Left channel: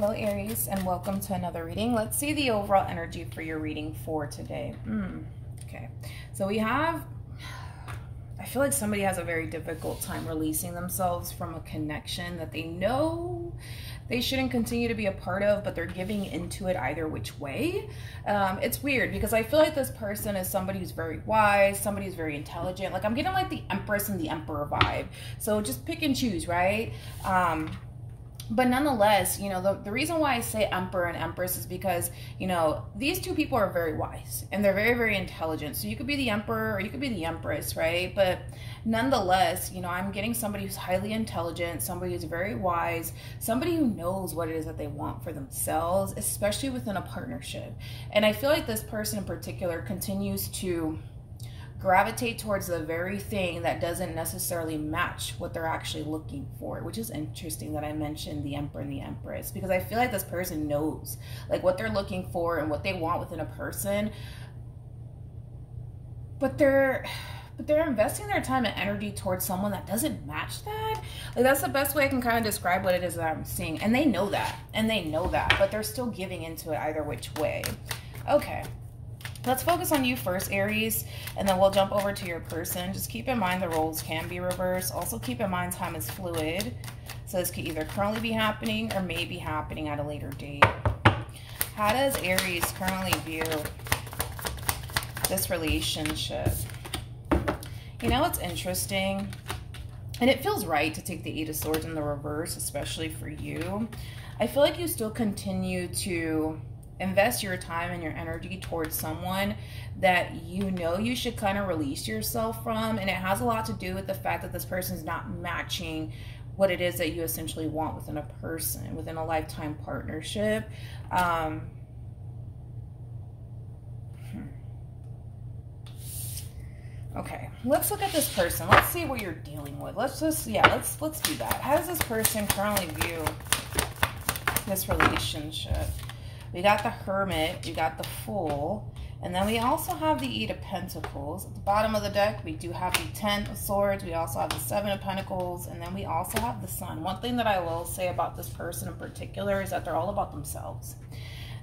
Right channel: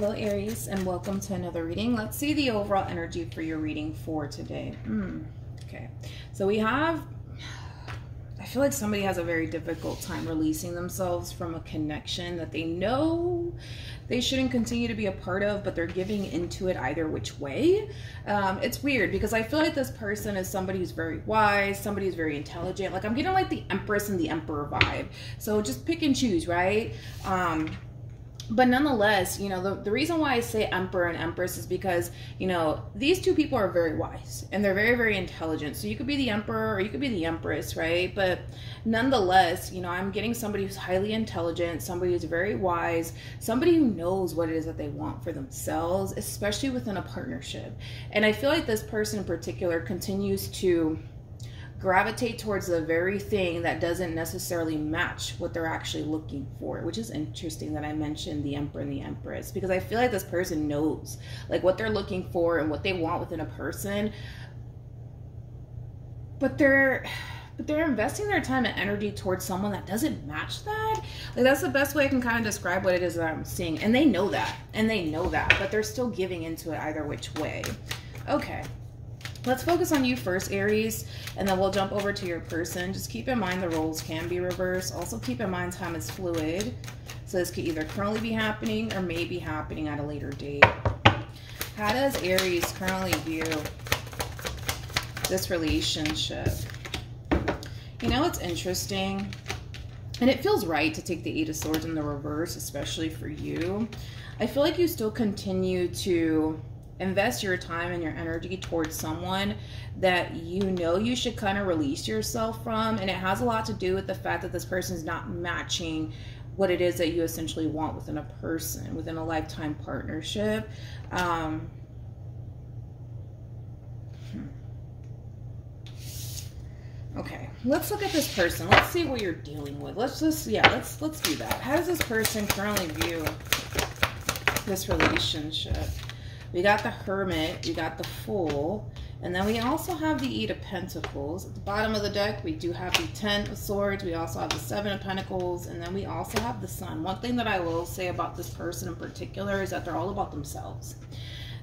Hello Aries, and welcome to another reading. Let's see the overall energy for your reading for today. Okay, so we have, I feel like somebody has a very difficult time releasing themselves from a connection that they know they shouldn't continue to be a part of, but they're giving into it either which way. It's weird because I feel like this person is somebody who's very wise, somebody who's very intelligent. Like I'm getting like the Empress and the Emperor vibe. So just pick and choose, right? But nonetheless, you know, the reason why I say Emperor and Empress is because, you know, these two people are very wise and they're very, very intelligent. So you could be the Emperor or you could be the Empress, right? But nonetheless, you know, I'm getting somebody who's highly intelligent, somebody who's very wise, somebody who knows what it is that they want for themselves, especially within a partnership. And I feel like this person in particular continues to gravitate towards the very thing that doesn't necessarily match what they're actually looking for, which is interesting that I mentioned the Emperor and the Empress, because I feel like this person knows like what they're looking for and what they want within a person, but they're investing their time and energy towards someone that doesn't match that. Like that's the best way I can kind of describe what it is that I'm seeing, and they know that, but they're still giving into it either which way. Okay, let's focus on you first, Aries, and then we'll jump over to your person. Just keep in mind the roles can be reversed. Also keep in mind time is fluid. So this could either currently be happening or may be happening at a later date. How does Aries currently view this relationship? You know, it's interesting, and it feels right to take the Eight of Swords in the reverse, especially for you. I feel like you still continue to invest your time and your energy towards someone that you know you should kind of release yourself from. And it has a lot to do with the fact that this person is not matching what it is that you essentially want within a person, within a lifetime partnership. Okay, let's look at this person. Let's see what you're dealing with. Let's do that. How does this person currently view this relationship? We got the Hermit, we got the Fool, and then we also have the Eight of Pentacles. At the bottom of the deck, we do have the Ten of Swords, we also have the Seven of Pentacles, and then we also have the Sun. One thing that I will say about this person in particular is that they're all about themselves.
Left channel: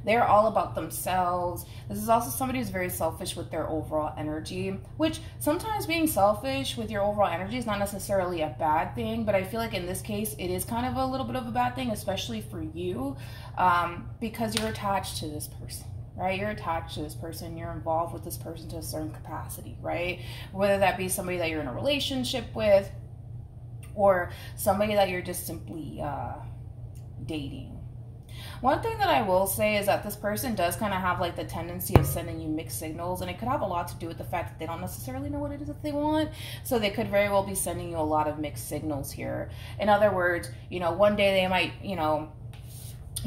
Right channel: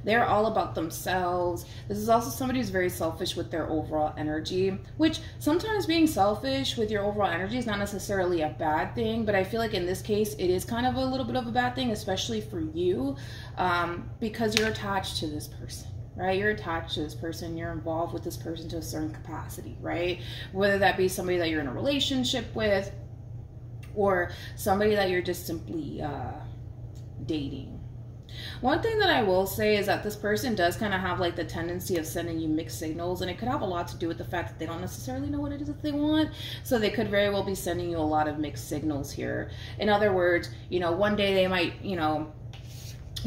They're all about themselves. This is also somebody who's very selfish with their overall energy, which sometimes being selfish with your overall energy is not necessarily a bad thing, but I feel like in this case, it is kind of a little bit of a bad thing, especially for you, because you're attached to this person, right? You're attached to this person. You're involved with this person to a certain capacity, right? Whether that be somebody that you're in a relationship with or somebody that you're just simply dating. One thing that I will say is that this person does kind of have like the tendency of sending you mixed signals, and it could have a lot to do with the fact that they don't necessarily know what it is that they want. So they could very well be sending you a lot of mixed signals here. In other words, you know, one day they might, you know,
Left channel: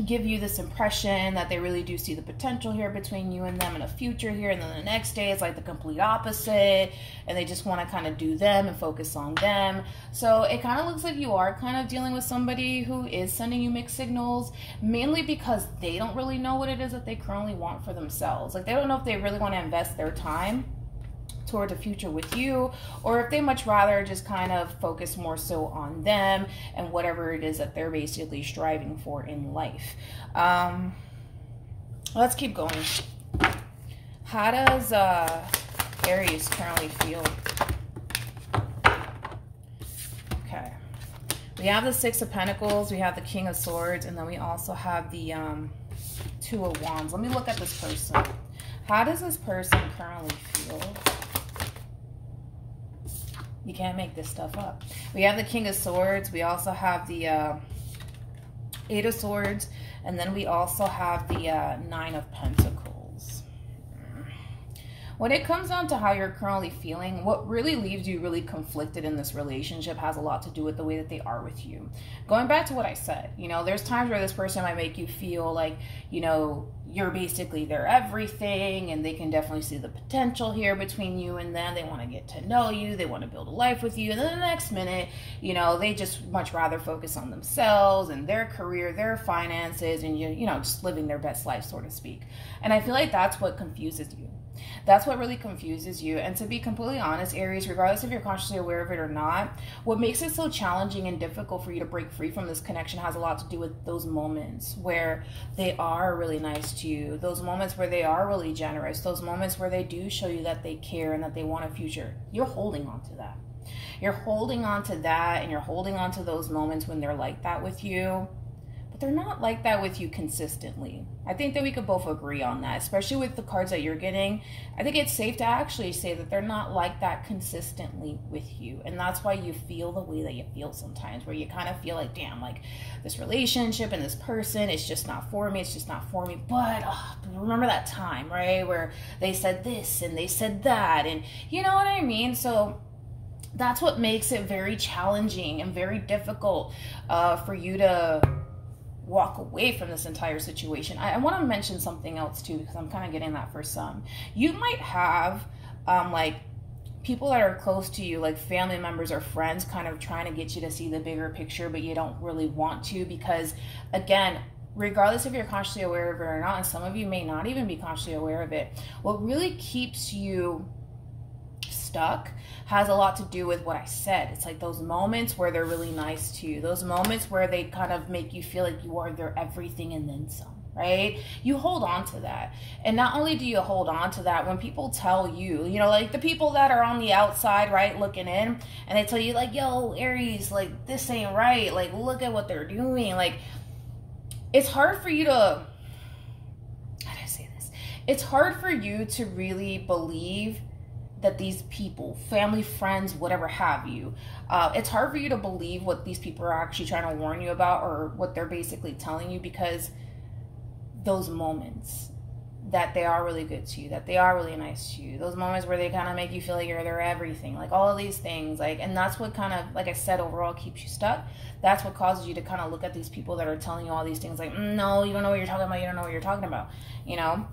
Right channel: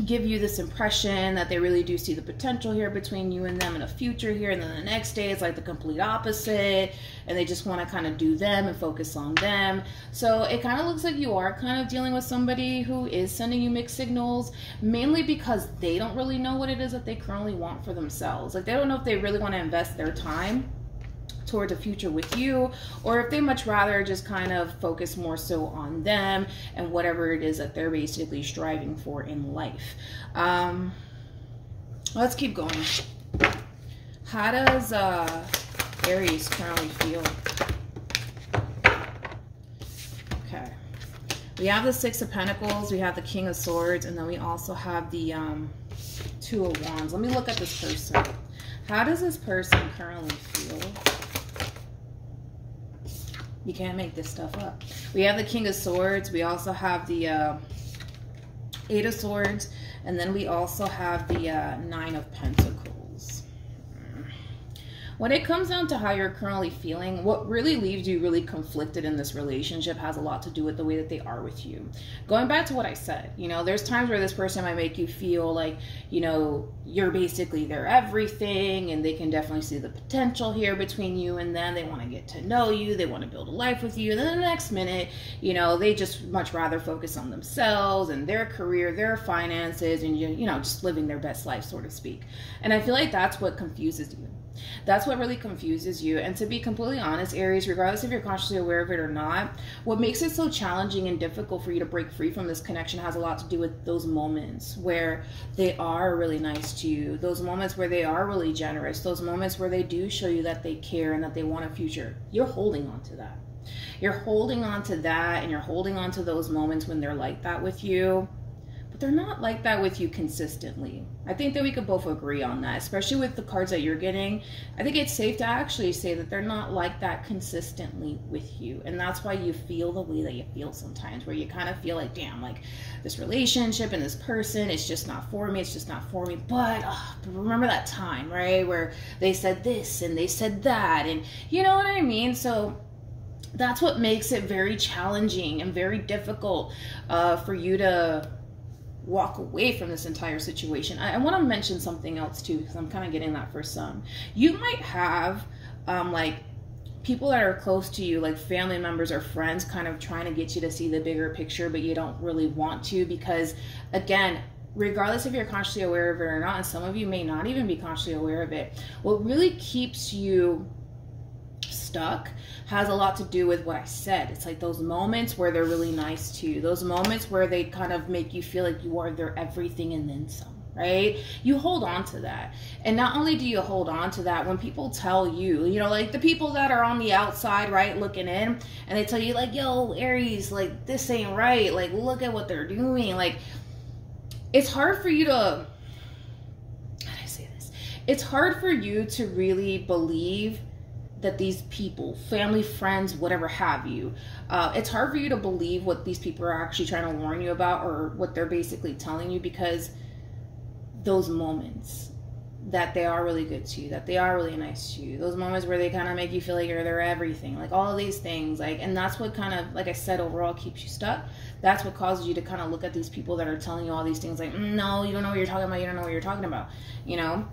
give you this impression that they really do see the potential here between you and them in a future here, and then the next day it's like the complete opposite and they just want to kind of do them and focus on them. So it kind of looks like you are kind of dealing with somebody who is sending you mixed signals, mainly because they don't really know what it is that they currently want for themselves. Like they don't know if they really want to invest their time toward a future with you, or if they much rather just kind of focus more so on them and whatever it is that they're basically striving for in life. Let's keep going. How does Aries currently feel? Okay, we have the Six of Pentacles, we have the King of Swords, and then we also have the Two of Wands. Let me look at this person. How does this person currently feel? You can't make this stuff up. We have the King of Swords. We also have the Eight of Swords. And then we also have the Nine of Pentacles. When it comes down to how you're currently feeling, what really leaves you really conflicted in this relationship has a lot to do with the way that they are with you. Going back to what I said, you know, there's times where this person might make you feel like, you know, you're basically their everything, and they can definitely see the potential here between you and them. They want to get to know you. They want to build a life with you. And then the next minute, you know, they just much rather focus on themselves and their career, their finances, and, you know, just living their best life, so to speak. And I feel like that's what confuses you. That's what really confuses you. And to be completely honest, Aries, regardless if you're consciously aware of it or not, what makes it so challenging and difficult for you to break free from this connection has a lot to do with those moments where they are really nice to you, those moments where they are really generous, those moments where they do show you that they care and that they want a future. You're holding on to that. You're holding on to that, and you're holding on to those moments when they're like that with you. They're not like that with you consistently. I think that we could both agree on that, especially with the cards that you're getting. I think it's safe to actually say that they're not like that consistently with you. And that's why you feel the way that you feel sometimes, where you kind of feel like, damn, like this relationship and this person, it's just not for me. It's just not for me. But remember that time, right? Where they said this and they said that, and you know what I mean? So that's what makes it very challenging and very difficult for you to walk away from this entire situation. I want to mention something else too, because I'm kind of getting that for some. You might have like people that are close to you, like family members or friends, kind of trying to get you to see the bigger picture, but you don't really want to, because again, regardless if you're consciously aware of it or not, and some of you may not even be consciously aware of it, what really keeps you stuck has a lot to do with what I said. It's like those moments where they're really nice to you, those moments where they kind of make you feel like you are their everything and then some, right? You hold on to that. And not only do you hold on to that, when people tell you, you know, like the people that are on the outside, right, looking in, and they tell you like, yo, Aries, like this ain't right, like look at what they're doing, like it's hard for you to, how do I say this? It's hard for you to really believe that these people, family, friends, whatever have you, it's hard for you to believe what these people are actually trying to warn you about, or what they're basically telling you, because those moments that they are really good to you, that they are really nice to you, those moments where they kind of make you feel like you're their everything, like all of these things, like, and that's what kind of, like I said, overall keeps you stuck. That's what causes you to kind of look at these people that are telling you all these things like, no, you don't know what you're talking about, you don't know what you're talking about, you know?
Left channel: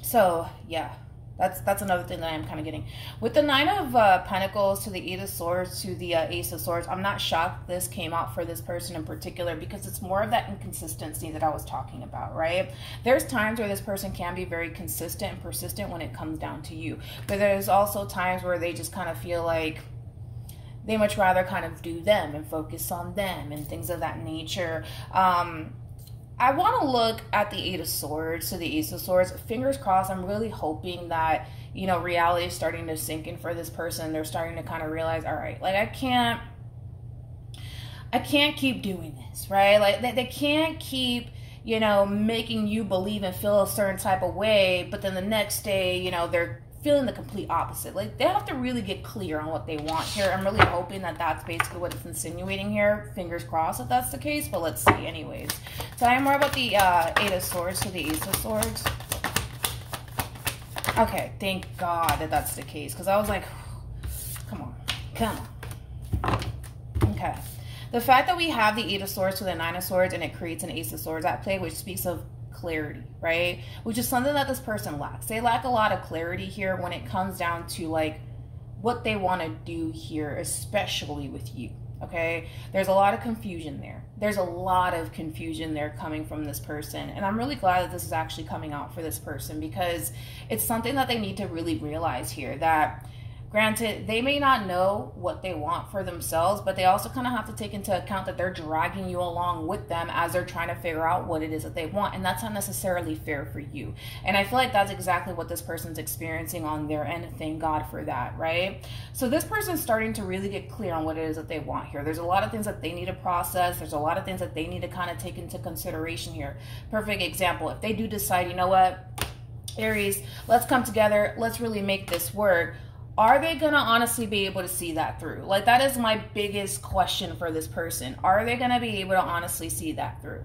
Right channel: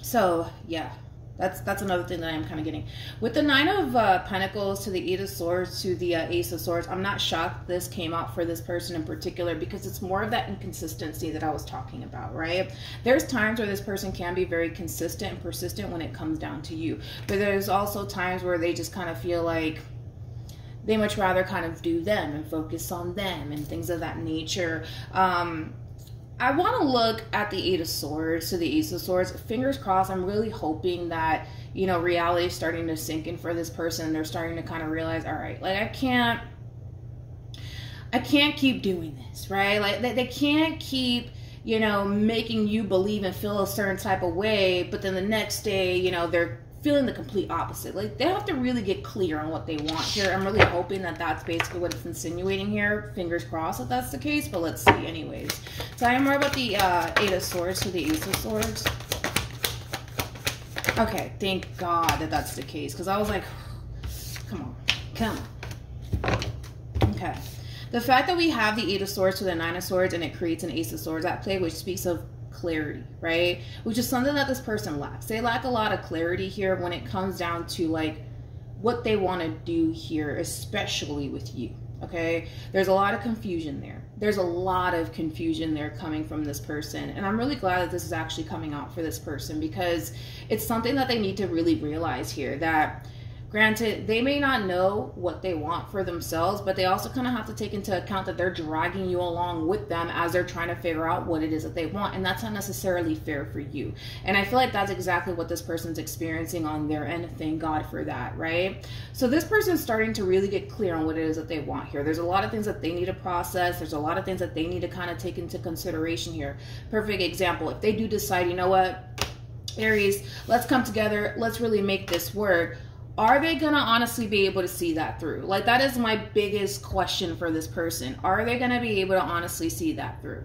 So yeah, that's another thing that I'm kind of getting. With the Nine of Pentacles to the Eight of Swords to the Ace of Swords, I'm not shocked this came out for this person in particular, because it's more of that inconsistency that I was talking about, right? There's times where this person can be very consistent and persistent when it comes down to you. But there's also times where they just kind of feel like they much rather kind of do them and focus on them and things of that nature. I want to look at the Eight of Swords to the Ace of Swords. Fingers crossed. I'm really hoping that, you know, reality is starting to sink in for this person. They're starting to kind of realize, all right, like I can't keep doing this, right? Like they can't keep, you know, making you believe and feel a certain type of way, but then the next day, you know, they're feeling the complete opposite. Like they have to really get clear on what they want here. I'm really hoping that that's basically what it's insinuating here. Fingers crossed that that's the case, but let's see anyways. So I am more about the Eight of Swords to the Ace of Swords. Okay, thank God that that's the case, because I was like, come on. Okay. The fact that we have the Eight of Swords to the Nine of Swords and it creates an Ace of Swords at play, which speaks of clarity, right? Which is something that this person lacks. They lack a lot of clarity here when it comes down to like what they want to do here, especially with you. Okay, there's a lot of confusion there. There's a lot of confusion there coming from this person, and I'm really glad that this is actually coming out for this person, because it's something that they need to really realize here, that granted, they may not know what they want for themselves, but they also kind of have to take into account that they're dragging you along with them as they're trying to figure out what it is that they want, and that's not necessarily fair for you. And I feel like that's exactly what this person's experiencing on their end. Thank God for that, right? So this person's starting to really get clear on what it is that they want here. There's a lot of things that they need to process. There's a lot of things that they need to kind of take into consideration here. Perfect example, if they do decide, you know what, Aries, let's come together, let's really make this work. Are they going to honestly be able to see that through? Like, that is my biggest question for this person. Are they going to be able to honestly see that through?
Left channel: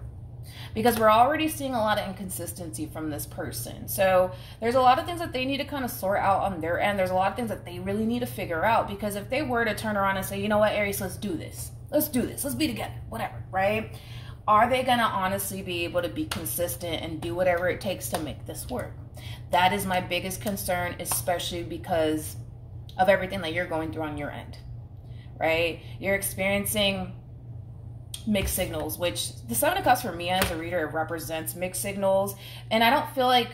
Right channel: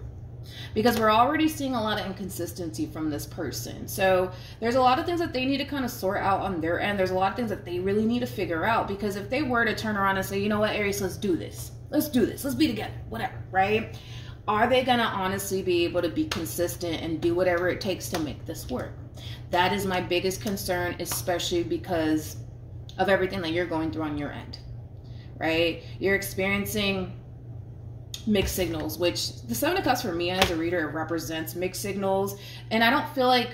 Because we're already seeing a lot of inconsistency from this person. So there's a lot of things that they need to kind of sort out on their end. There's a lot of things that they really need to figure out. Because if they were to turn around and say, you know what, Aries, let's do this. Let's do this. Let's be together. Whatever, right? Are they going to honestly be able to be consistent and do whatever it takes to make this work? That is my biggest concern, especially because of everything that you're going through on your end, right? You're experiencing mixed signals, which the Seven of Cups for me as a reader, it represents mixed signals. And I don't feel like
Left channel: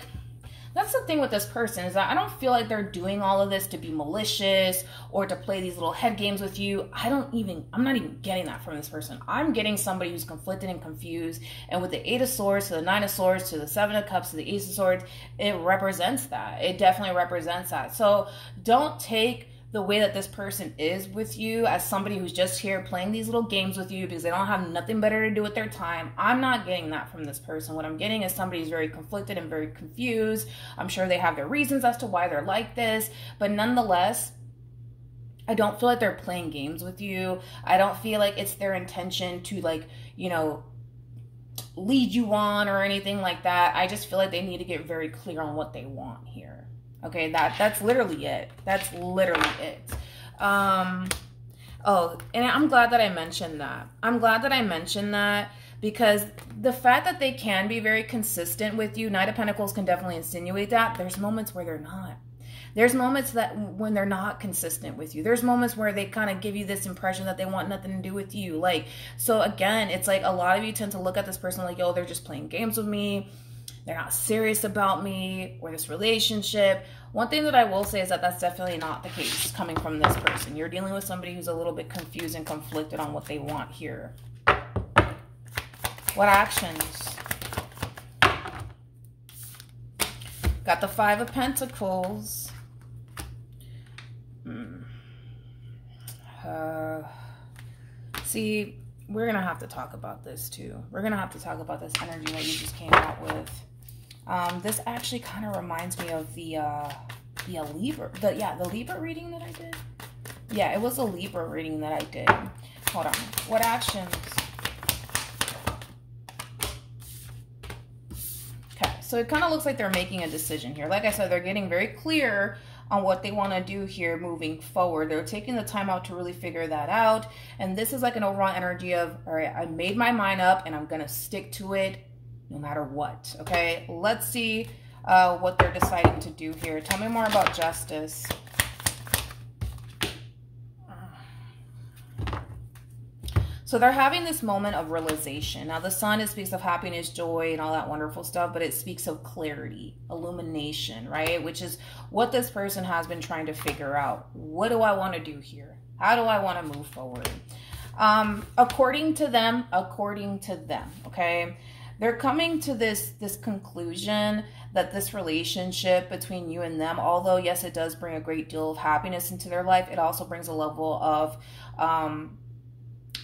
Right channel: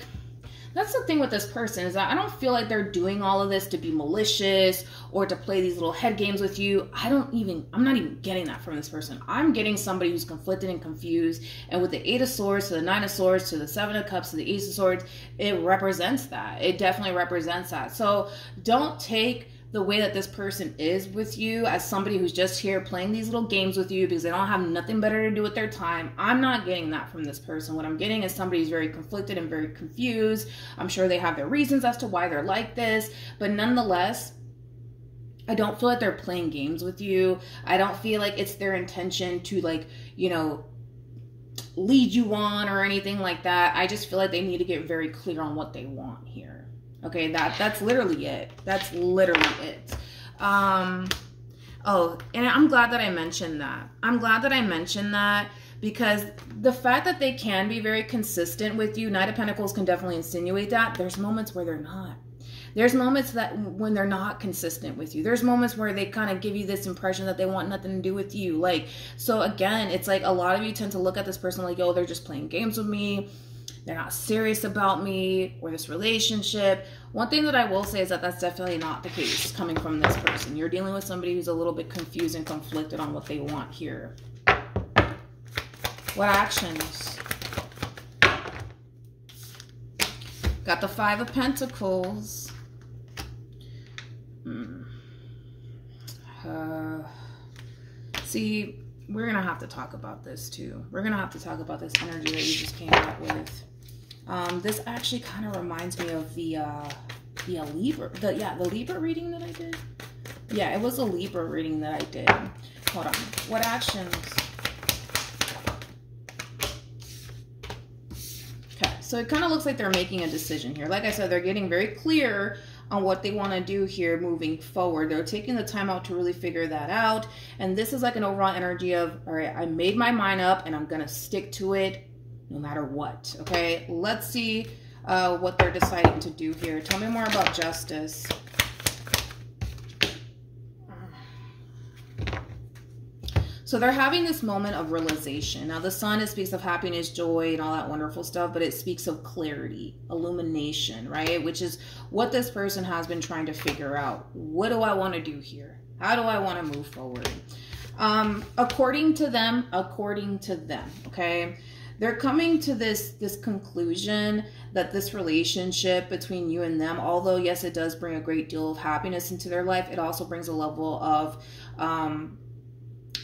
That's the thing with this person, is that I don't feel like they're doing all of this to be malicious or to play these little head games with you. I'm not even getting that from this person. I'm getting somebody who's conflicted and confused. And with the 8 of Swords to the 9 of Swords to the 7 of Cups to the Ace of Swords, it represents that. It definitely represents that. So don't take the way that this person is with you as somebody who's just here playing these little games with you because they don't have nothing better to do with their time. I'm not getting that from this person. What I'm getting is somebody who's very conflicted and very confused. I'm sure they have their reasons as to why they're like this, but nonetheless, I don't feel like they're playing games with you. I don't feel like it's their intention to, like, you know, lead you on or anything like that. I just feel like they need to get very clear on what they want here. Okay, that's literally it. That's literally it. Oh, and I'm glad that I mentioned that. I'm glad that I mentioned that because the fact that they can be very consistent with you, Knight of Pentacles can definitely insinuate that. There's moments where they're not. There's moments that when they're not consistent with you. There's moments where they kind of give you this impression that they want nothing to do with you. Like, so again, it's like a lot of you tend to look at this person like, yo, they're just playing games with me. They're not serious about me or this relationship. One thing that I will say is that that's definitely not the case coming from this person. You're dealing with somebody who's a little bit confused and conflicted on what they want here. What actions? Got the 5 of Pentacles. See, we're going to have to talk about this too. We're going to have to talk about this energy that you just came out with. This actually kind of reminds me of the Libra, the Libra reading that I did. Yeah, it was a Libra reading that I did. Hold on. What actions? Okay, so it kind of looks like they're making a decision here. Like I said, they're getting very clear on what they want to do here moving forward. They're taking the time out to really figure that out. And this is like an overall energy of, all right, I made my mind up and I'm going to stick to it no matter what. Okay, let's see what they're deciding to do here. Tell me more about Justice. So they're having this moment of realization. Now the sun, it speaks of happiness, joy, and all that wonderful stuff, but it speaks of clarity, illumination, right? Which is what this person has been trying to figure out. What do I want to do here? How do I want to move forward? According to them, okay? They're coming to this conclusion that this relationship between you and them, although yes, it does bring a great deal of happiness into their life, it also brings a level of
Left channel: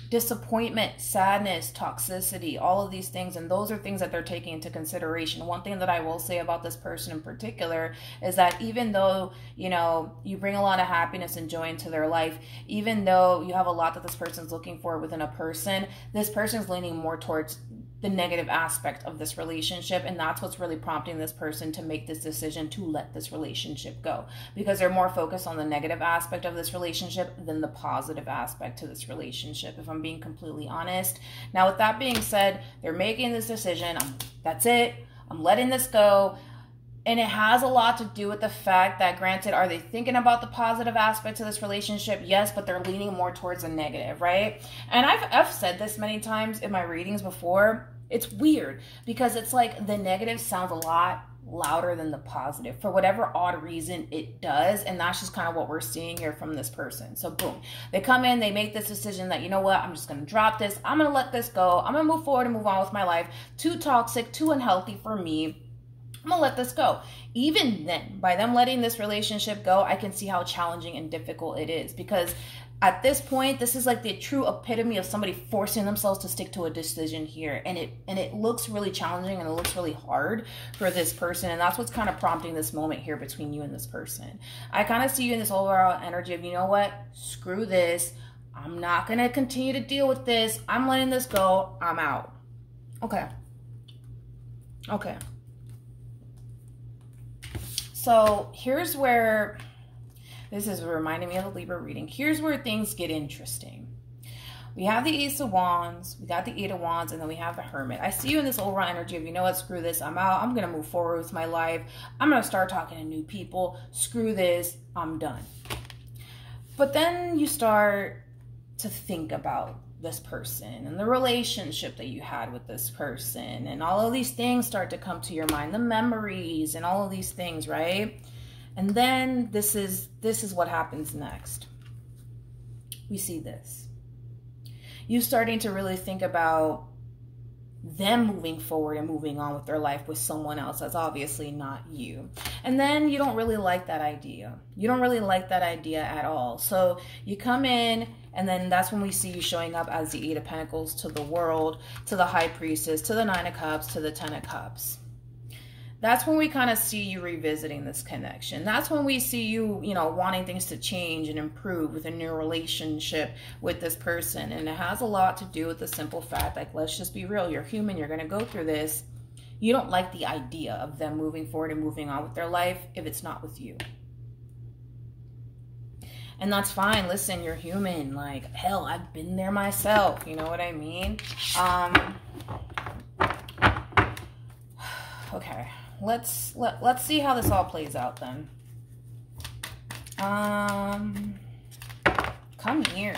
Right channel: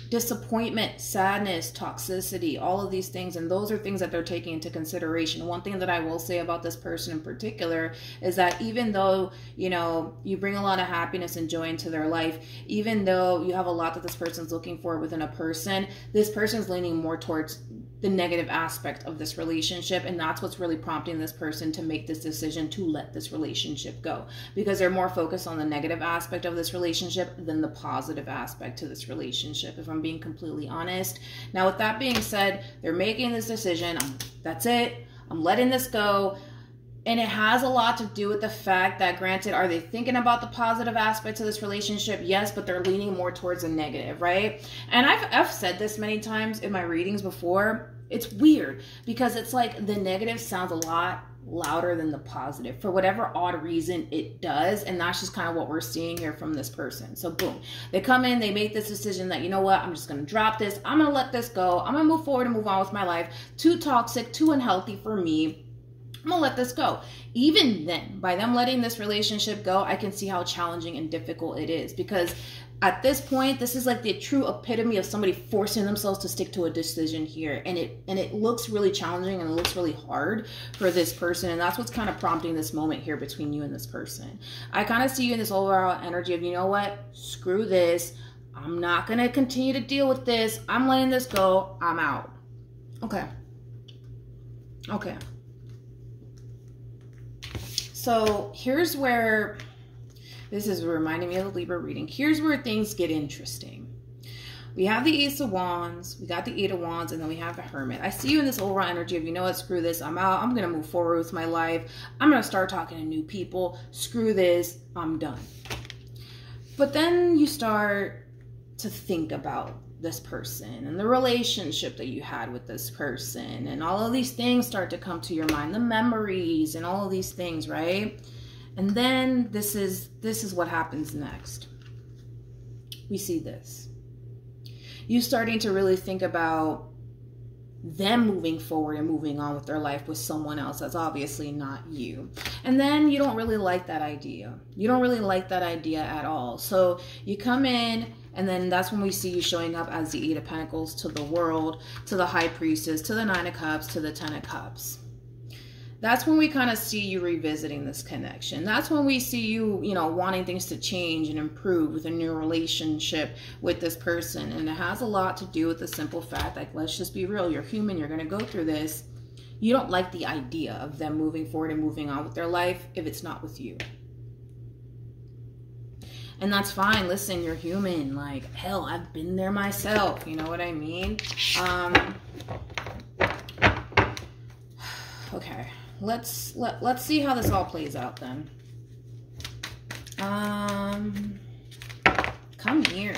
disappointment, sadness, toxicity, all of these things. And those are things that they're taking into consideration. One thing that I will say about this person in particular is that even though, you know, you bring a lot of happiness and joy into their life, even though you have a lot that this person's looking for within a person, this person's leaning more towards the negative aspect of this relationship, and that's what's really prompting this person to make this decision to let this relationship go, because they're more focused on the negative aspect of this relationship than the positive aspect to this relationship, if I'm being completely honest. Now, with that being said, they're making this decision. That's it. I'm letting this go. And it has a lot to do with the fact that, granted, are they thinking about the positive aspects of this relationship? Yes, but they're leaning more towards a negative, right? And I've said this many times in my readings before. It's weird because it's like the negative sounds a lot louder than the positive for whatever odd reason it does. And that's just kind of what we're seeing here from this person. So boom, they come in, they make this decision that, you know what, I'm just going to drop this. I'm going to let this go. I'm going to move forward and move on with my life. Too toxic, too unhealthy for me. I'm gonna let this go. Even then, by them letting this relationship go, I can see how challenging and difficult it is, because at this point, this is like the true epitome of somebody forcing themselves to stick to a decision here. And it looks really challenging and it looks really hard for this person. And that's what's kind of prompting this moment here between you and this person. I kind of see you in this overall energy of, you know what, screw this. I'm not going to continue to deal with this. I'm letting this go. I'm out. Okay. Okay. So here's where, this is reminding me of the Libra reading. Here's where things get interesting. We have the Ace of Wands, we got the 8 of Wands, and then we have the Hermit. I see you in this overall energy of, you know what, screw this, I'm out. I'm going to move forward with my life. I'm going to start talking to new people. Screw this, I'm done. But then you start to think about this person and the relationship that you had with this person, and all of these things start to come to your mind, the memories and all of these things, right? And then this is what happens next. We see this. You starting to really think about them moving forward and moving on with their life with someone else that's obviously not you. And then you don't really like that idea. You don't really like that idea at all. So you come in, and then that's when we see you showing up as the Eight of Pentacles to the World, to the High Priestess, to the Nine of Cups, to the Ten of Cups. That's when we kind of see you revisiting this connection. That's when we see you, you know, wanting things to change and improve within your relationship with this person. And it has a lot to do with the simple fact, like, let's just be real. You're human. You're going to go through this. You don't like the idea of them moving forward and moving on with their life if it's not with you. And that's fine. Listen, you're human. Like, hell, I've been there myself. You know what I mean? Okay. Let's see how this all plays out then. Come here.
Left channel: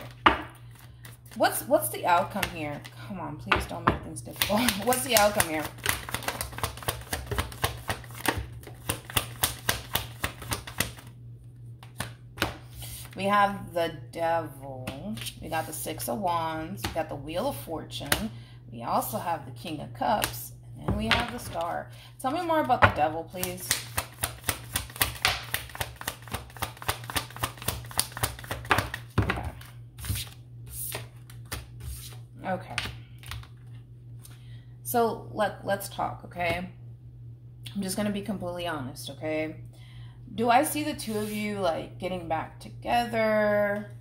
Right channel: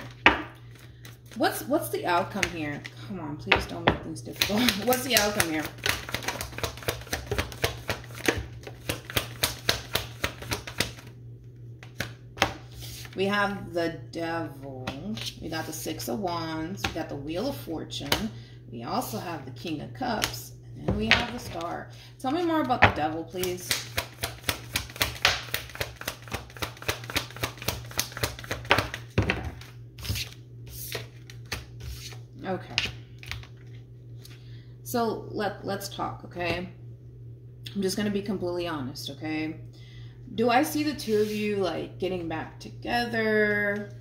What's the outcome here? Come on, please don't make things difficult. What's the outcome here? We have the Devil. We got the Six of Wands. We got the Wheel of Fortune. We also have the King of Cups. And we have the Star. Tell me more about the Devil, please. Okay. Okay. So let's talk, okay? I'm just going to be completely honest, okay? Do I see the two of you, like, getting back together?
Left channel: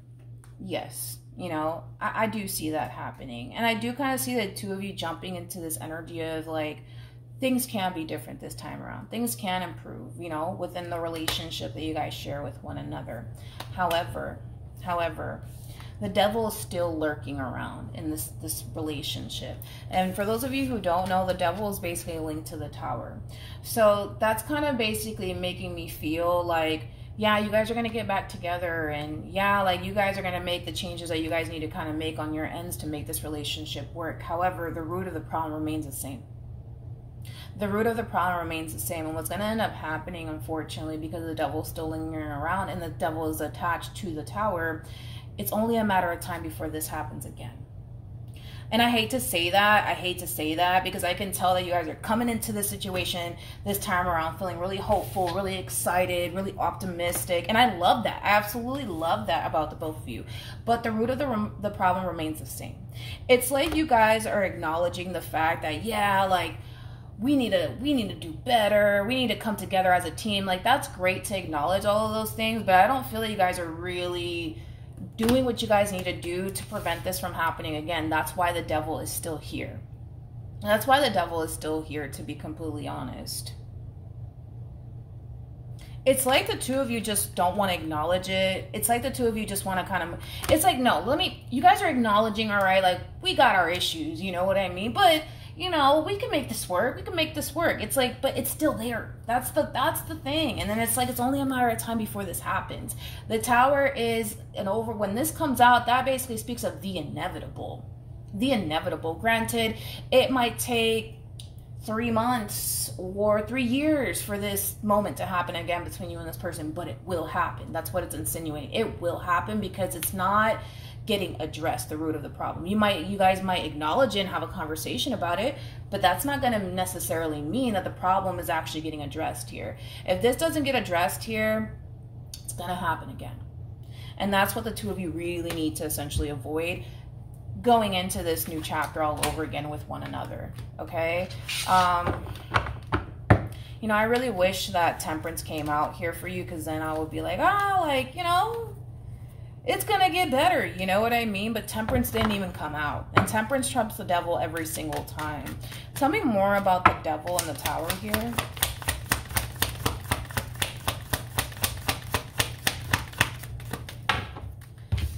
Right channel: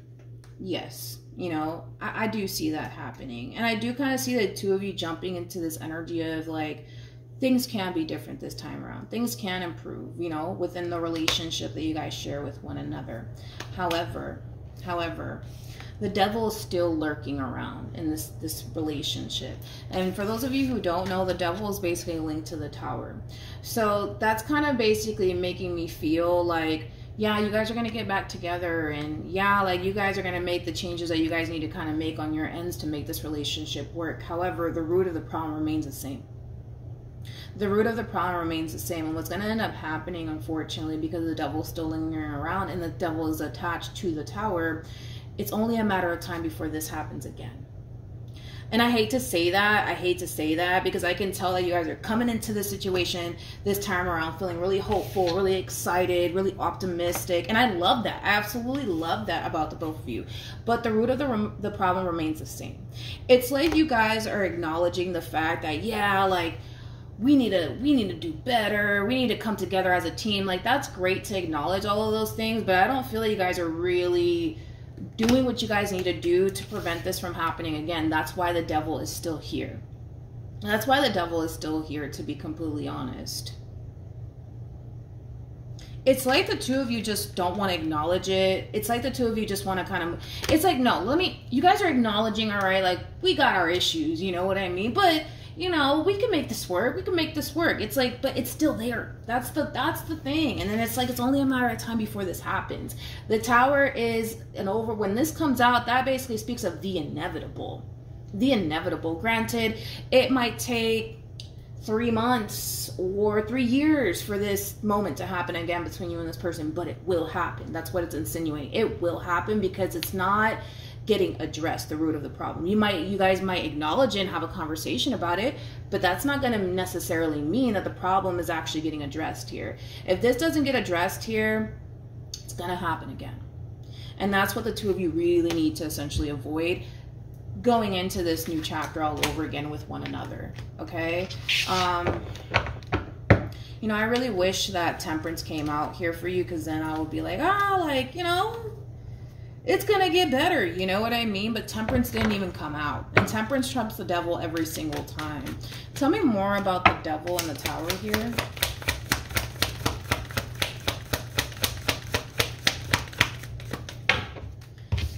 Yes. You know, I do see that happening. And I do kind of see the two of you jumping into this energy of, like, things can be different this time around. Things can improve, you know, within the relationship that you guys share with one another. However, the Devil is still lurking around in this relationship. And for those of you who don't know, the Devil is basically linked to the Tower. So that's kind of basically making me feel like, yeah, you guys are going to get back together, and yeah, like, you guys are going to make the changes that you guys need to kind of make on your ends to make this relationship work. However, the root of the problem remains the same. The root of the problem remains the same. And what's going to end up happening, unfortunately, because the Devil's still lingering around and the Devil is attached to the Tower, it's only a matter of time before this happens again. And I hate to say that, because I can tell that you guys are coming into this situation this time around feeling really hopeful, really excited, really optimistic. And I love that. I absolutely love that about the both of you. But the root of the problem remains the same. It's like you guys are acknowledging the fact that, yeah, like, we need to do better. We need to come together as a team. Like, that's great to acknowledge all of those things, but I don't feel like you guys are really doing what you guys need to do to prevent this from happening again. That's why the Devil is still here. That's why the Devil is still here, to be completely honest. It's like the two of you just don't want to acknowledge it. It's like the two of you just want to kind of, it's like, no, you guys are acknowledging, all right, like, we got our issues, you know what I mean? But, you know, we can make this work. We can make this work. It's like, but it's still there. That's the thing. And then it's like, it's only a matter of time before this happens. The Tower is when this comes out, that basically speaks of the inevitable. The inevitable. Granted, it might take 3 months or 3 years for this moment to happen again between you and this person, but it will happen. That's what it's insinuating. It will happen because it's not getting addressed, the root of the problem. You guys might acknowledge it and have a conversation about it, but that's not going to necessarily mean that the problem is actually getting addressed here. If this doesn't get addressed here, it's going to happen again. And that's what the two of you really need to essentially avoid going into this new chapter all over again with one another. Okay? You know, I really wish that Temperance came out here for you, because then I would be like, like, you know, it's gonna get better, you know what I mean? But Temperance didn't even come out. And Temperance trumps the Devil every single time. Tell me more about the Devil and the Tower here.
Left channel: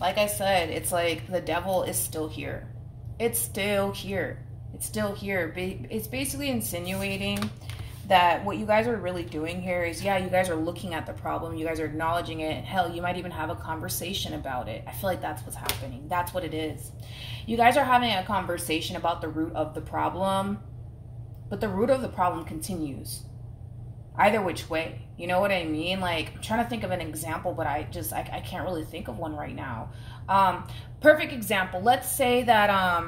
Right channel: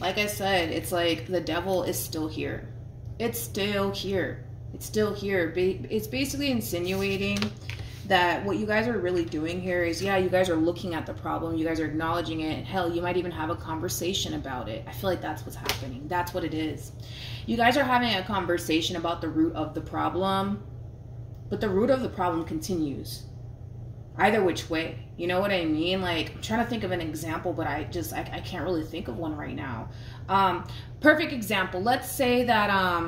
Like I said, it's like the Devil is still here. It's still here. It's still here. It's basically insinuating that what you guys are really doing here is, yeah, you guys are looking at the problem, you guys are acknowledging it, and hell, you might even have a conversation about it. I feel like that's what's happening. That's what it is. You guys are having a conversation about the root of the problem, but the root of the problem continues. Either which way. You know what I mean? Like, I'm trying to think of an example, but I can't really think of one right now. Perfect example. Let's say that,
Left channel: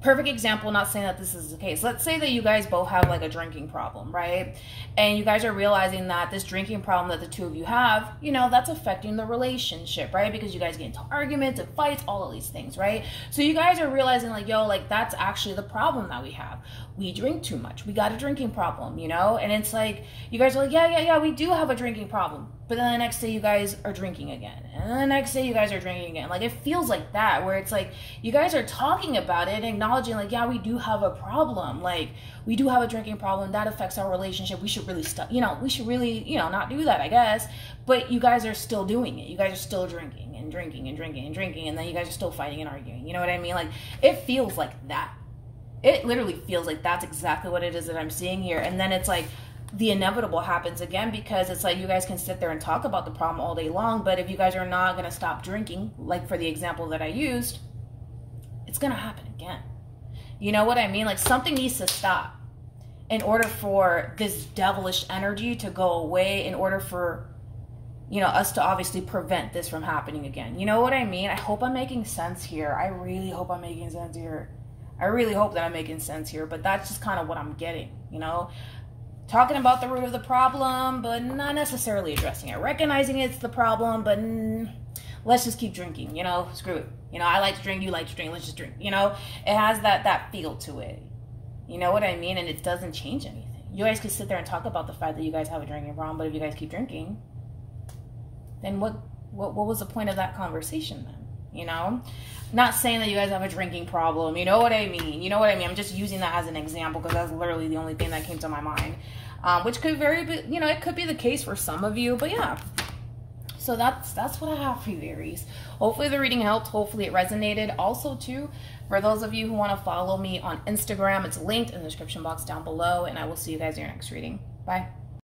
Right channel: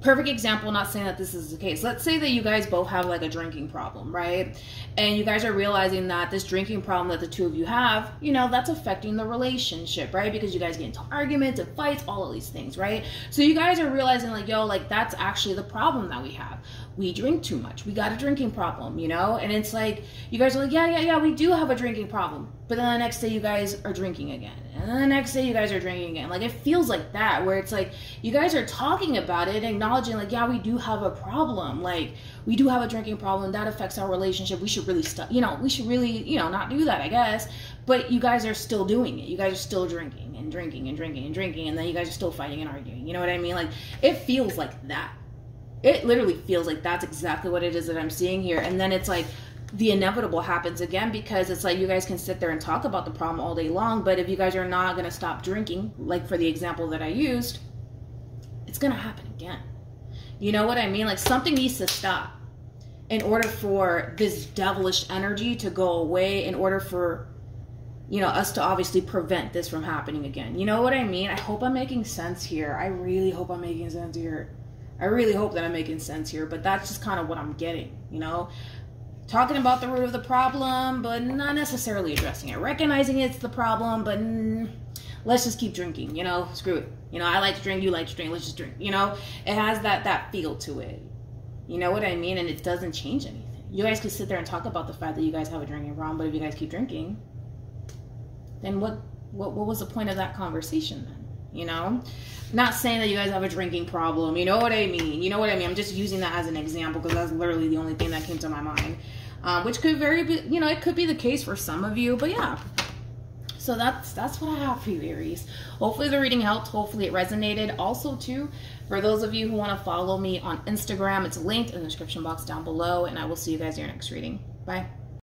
perfect example, not saying that this is the case. Let's say that you guys both have like a drinking problem, right? And you guys are realizing that this drinking problem that the two of you have, you know, that's affecting the relationship, right? Because you guys get into arguments and fights, all of these things, right? So you guys are realizing like, yo, like that's actually the problem that we have. We drink too much. We got a drinking problem, you know? And it's like, you guys are like, yeah, we do have a drinking problem. But then the next day you guys are drinking again. And then the next day you guys are drinking again. Like, it feels like that, where it's like, you guys are talking about it, acknowledging like, yeah, we do have a problem. Like, we do have a drinking problem. That affects our relationship. We should really stop, you know, we should really, you know, not do that, I guess. But you guys are still doing it. You guys are still drinking and drinking and drinking and drinking. And then you guys are still fighting and arguing. You know what I mean? Like, it feels like that. It literally feels like that's exactly what it is that I'm seeing here. And then it's like the inevitable happens again, because it's like you guys can sit there and talk about the problem all day long, but if you guys are not going to stop drinking, like for the example that I used, it's going to happen again. You know what I mean? Like, something needs to stop in order for this devilish energy to go away, in order for, you know, us to obviously prevent this from happening again. You know what I mean? I hope I'm making sense here. I really hope I'm making sense here. I really hope that I'm making sense here, but that's just kind of what I'm getting, you know? Talking about the root of the problem, but not necessarily addressing it. Recognizing it's the problem, but let's just keep drinking, you know? Screw it. You know, I like to drink, you like to drink, let's just drink, you know? It has that feel to it. You know what I mean? And it doesn't change anything. You guys could sit there and talk about the fact that you guys have a drinking problem, but if you guys keep drinking, then what was the point of that conversation then? You know, not saying that you guys have a drinking problem. You know what I mean? You know what I mean? I'm just using that as an example because that's literally the only thing that came to my mind. Which could you know, it could be the case for some of you, but yeah. So that's what I have for you, Aries. Hopefully the reading helped. Hopefully it resonated. Also, too, for those of you who want to follow me on Instagram, it's linked in the description box down below, and I will see you guys in your next reading. Bye.